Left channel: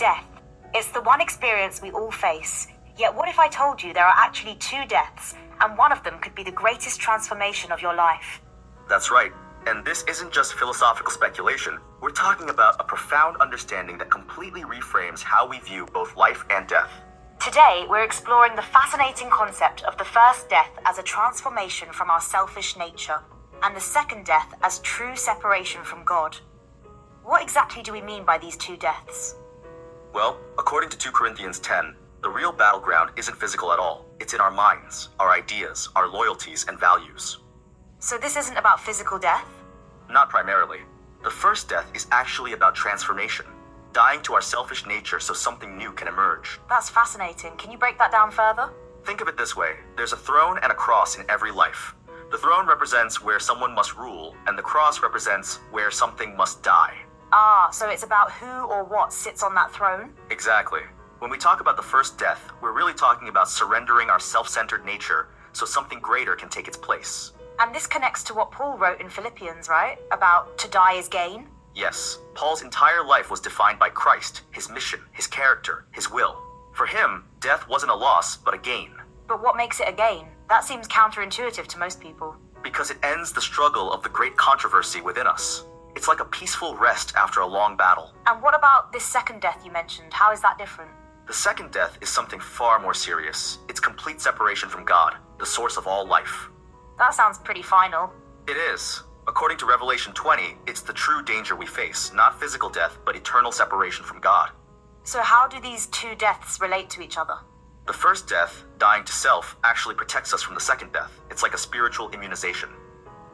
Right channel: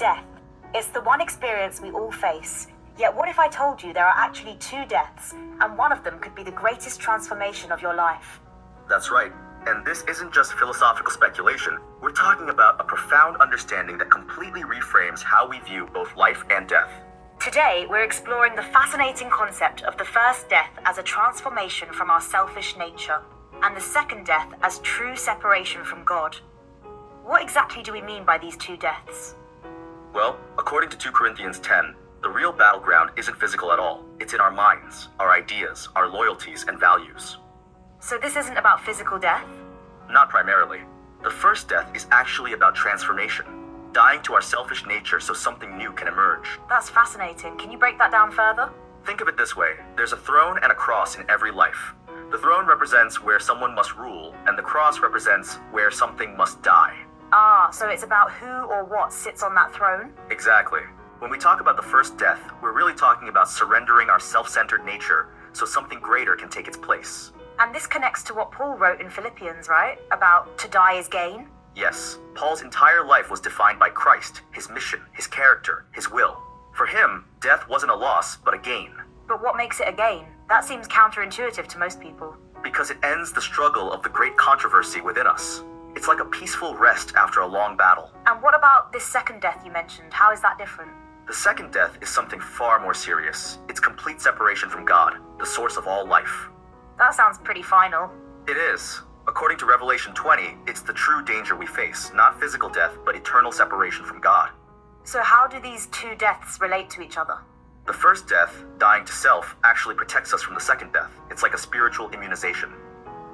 Death. It's the one experience we all face. Yet what if I told you there are actually two deaths, and one of them could be the greatest transformation of your life? That's right. And this isn't just philosophical speculation. We're talking about a profound understanding that completely reframes how we view both life and death. Today, we're exploring the fascinating concept of the first death as a transformation from our selfish nature, and the second death as true separation from God. What exactly do we mean by these two deaths? Well, according to 2 Corinthians 10, the real battleground isn't physical at all. It's in our minds, our ideas, our loyalties, and values. So this isn't about physical death? Not primarily. The first death is actually about transformation, dying to our selfish nature so something new can emerge. That's fascinating. Can you break that down further? Think of it this way. There's a throne and a cross in every life. The throne represents where someone must rule, and the cross represents where something must die. So it's about who or what sits on that throne? Exactly. When we talk about the first death, we're really talking about surrendering our self-centered nature so something greater can take its place. And this connects to what Paul wrote in Philippians, right? About to die is gain? Yes, Paul's entire life was defined by Christ, his mission, his character, his will. For him, death wasn't a loss, but a gain. But what makes it a gain? That seems counterintuitive to most people. Because it ends the struggle of the great controversy within us. It's like a peaceful rest after a long battle. And what about this second death you mentioned? How is that different? The second death is something far more serious. It's complete separation from God, the source of all life. That sounds pretty final. It is. According to Revelation 20, it's the true danger we face, not physical death, but eternal separation from God. So how do these two deaths relate to each other? The first death, dying to self, actually protects us from the second death. It's like a spiritual immunization.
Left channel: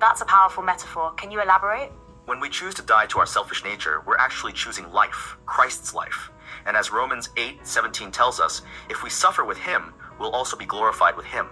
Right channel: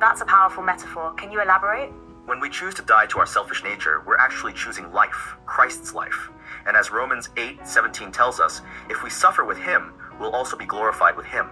That's a powerful metaphor. Can you elaborate? When we choose to die to our selfish nature, we're actually choosing life, Christ's life. And as Romans 8:17 tells us, if we suffer with him, we'll also be glorified with him.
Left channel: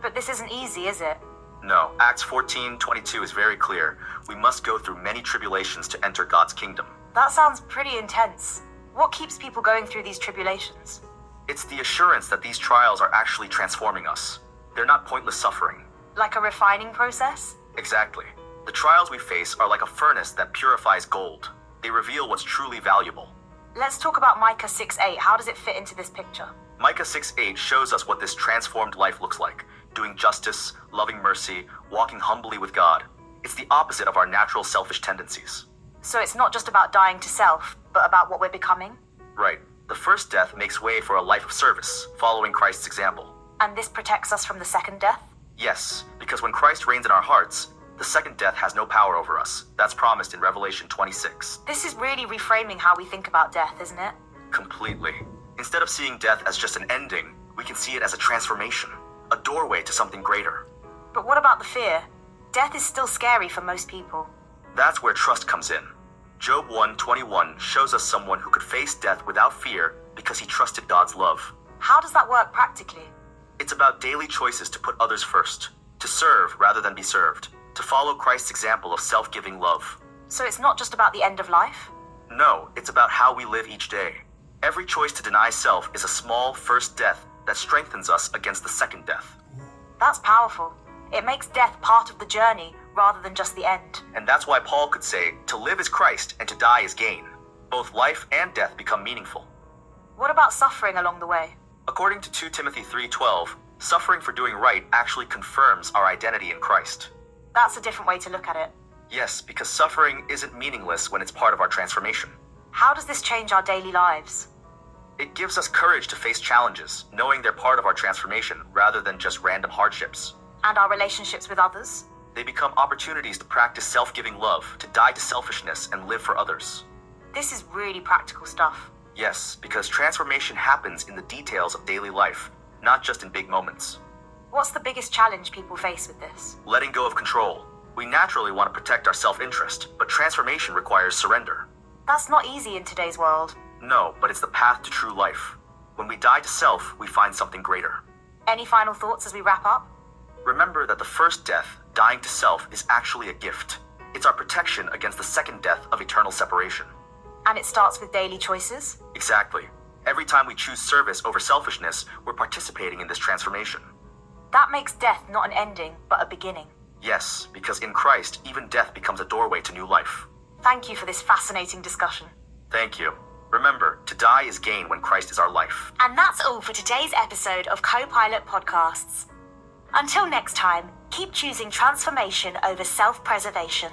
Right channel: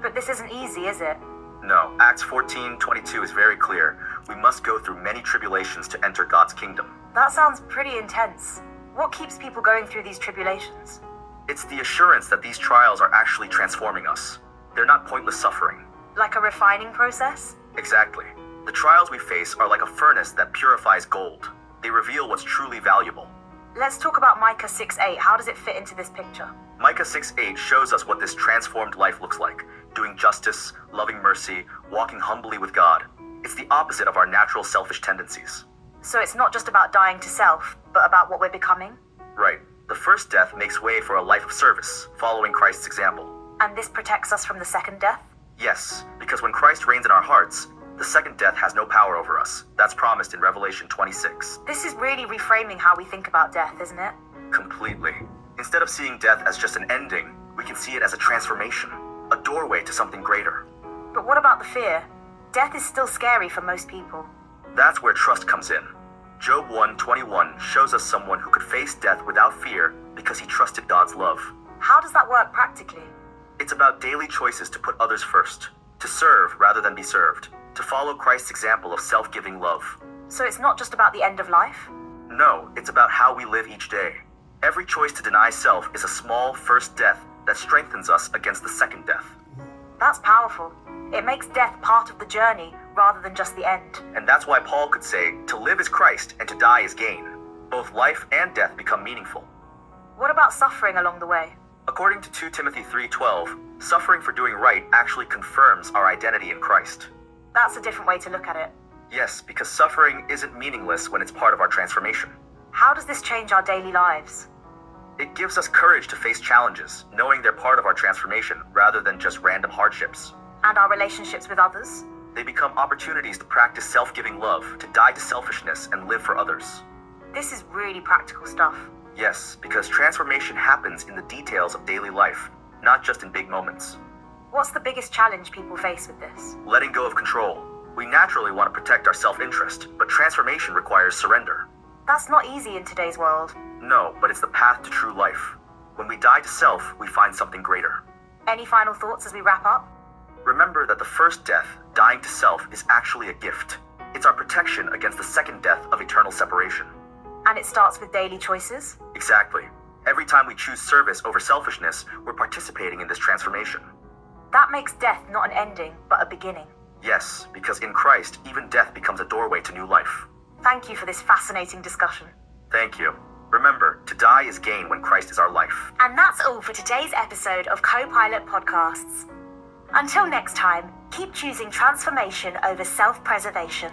But this isn't easy, is it? No, Acts 14:22 is very clear. We must go through many tribulations to enter God's kingdom. That sounds pretty intense. What keeps people going through these tribulations? It's the assurance that these trials are actually transforming us. They're not pointless suffering. Like a refining process? Exactly. The trials we face are like a furnace that purifies gold. They reveal what's truly valuable. Let's talk about Micah 6:8. How does it fit into this picture? Micah 6:8 shows us what this transformed life looks like. Doing justice, loving mercy, walking humbly with God. It's the opposite of our natural selfish tendencies. So it's not just about dying to self, but about what we're becoming? Right. The first death makes way for a life of service, following Christ's example. And this protects us from the second death? Yes, because when Christ reigns in our hearts, the second death has no power over us. That's promised in Revelation 26. This is really reframing how we think about death, isn't it? Completely. Instead of seeing death as just an ending, we can see it as a transformation, a doorway to something greater. But what about the fear? Death is still scary for most people. That's where trust comes in. Job 1:21 shows us someone who could face death without fear because he trusted God's love. How does that work practically? It's about daily choices to put others first, to serve rather than be served, to follow Christ's example of self-giving love. So it's not just about the end of life? No, it's about how we live each day. Every choice to deny self is a small first death that strengthens us against the second death. That's powerful. It makes death part of the journey rather than just the end. And that's why Paul could say, to live is Christ and to die is gain. Both life and death become meaningful. What about suffering along the way? According to 2 Timothy 3:12, suffering for doing right actually confirms our identity in Christ. That's a different way to look at it. Yes, because suffering isn't meaningless when it's part of our transformation. How does this change our daily lives? It gives us courage to face challenges, knowing they're part of our transformation rather than just random hardships. And our relationships with others? They become opportunities to practice self-giving love, to die to selfishness and live for others. This is really practical stuff. Yes, because transformation happens in the details of daily life, not just in big moments. What's the biggest challenge people face with this? Letting go of control. We naturally want to protect our self-interest, but transformation requires surrender. That's not easy in today's world. No, but it's the path to true life. When we die to self, we find something greater. Any final thoughts as we wrap up? Remember that the first death, dying to self, is actually a gift. It's our protection against the second death of eternal separation. And it starts with daily choices? Exactly. Every time we choose service over selfishness, we're participating in this transformation. That makes death not an ending, but a beginning. Yes, because in Christ, even death becomes a doorway to new life. Thank you for this fascinating discussion. Thank you. Remember, to die is gain when Christ is our life. And that's all for today's episode of Co-Pilot Podcasts. Until next time, keep choosing transformation over self-preservation.